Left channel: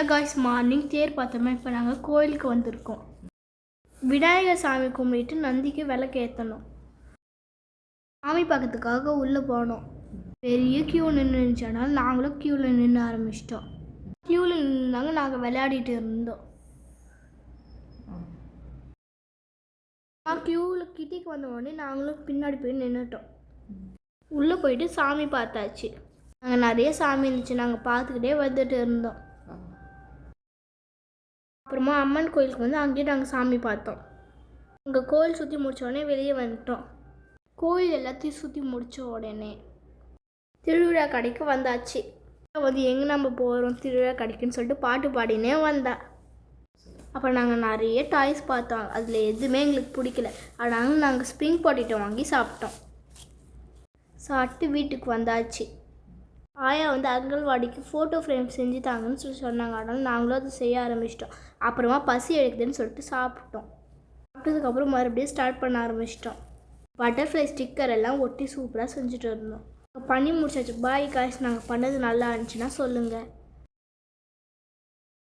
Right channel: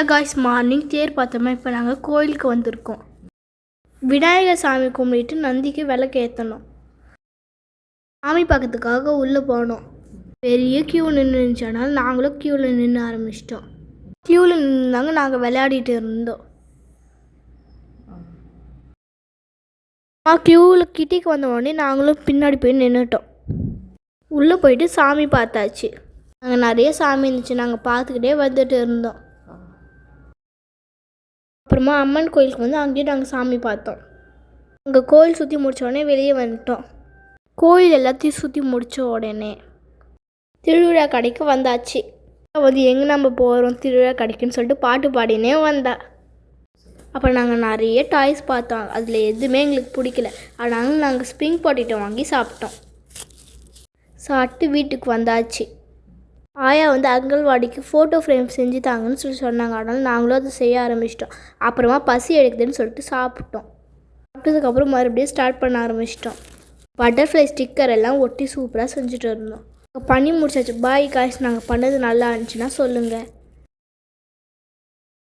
Hello guys, morning தேர் பார்த்தோமா. இப்போ நாங்கள் கோயிலுக்கு வந்திருக்கோம். விநாயகர் சாமி கும்பிட்டு நந்திக்கு விளக்கு ஏற்றணும். சாமி பார்க்கறதுக்காக உள்ளே போனோம். பெரிய க்யூ நின்றுச்சனால நாங்களும் க்யூவில் நின்று ஆரம்பிச்சிட்டோம். க்யூவில் நின்றுந்தாங்க நாங்கள் விளையாடிட்டு இருந்தோம். க்யூவில் கிட்டிக்கு வந்த உடனே நாங்களும் பின்னாடி போய் நின்றுட்டோம். உள்ளே போயிட்டு சாமி பார்த்தாச்சு. நாங்கள் நிறைய சாமி இருந்துச்சு, நாங்கள் பார்த்துக்கிட்டே வந்துட்டு இருந்தோம். அப்புறமா அம்மன் கோயிலுக்கு வந்து அங்கேயும் நாங்கள் சாமி பார்த்தோம். அங்கே கோயில் சுற்றி முடித்த உடனே வெளியே வந்துட்டோம். கோயில் எல்லாத்தையும் சுற்றி முடித்த உடனே திருவிழா கடைக்கு வந்தாச்சு. வந்து எங்கே நம்ம போகிறோம் திருவிழா கடைக்குன்னு சொல்லிட்டு பாட்டு பாடினே வந்தா. அப்புறம் நாங்கள் நிறைய டாய்ஸ் பார்த்தோம். அதில் எதுவுமே எங்களுக்கு பிடிக்கல. ஆனாலும் நாங்கள் ஸ்ப்ரிங் பொட்டேட்டோ வாங்கி சாப்பிட்டோம். சாப்பிட்டு வீட்டுக்கு வந்தாச்சு. ஆயா வந்து அங்கன்வாடிக்கு ஃபோட்டோ ஃப்ரேம் செஞ்சு தாங்கன்னு சொன்னாங்க. அதனால் நாங்களும் அதை செய்ய ஆரம்பிச்சிட்டோம். அப்புறமா பசி எடுக்குதுன்னு சொல்லிட்டு சாப்பிட்டோம். சாப்பிட்டதுக்கப்புறம் மறுபடியும் ஸ்டார்ட் பண்ண ஆரம்பிச்சிட்டோம். பட்டர்ஃப்ளை ஸ்டிக்கர் எல்லாம் ஒட்டி சூப்பராக செஞ்சுட்டு இருந்தோம். பண்ணி முடிச்சாச்சு. பாய் காய்ஸ், நாங்கள் பண்ணது நல்லா இருந்துச்சுன்னா சொல்லுங்கள்.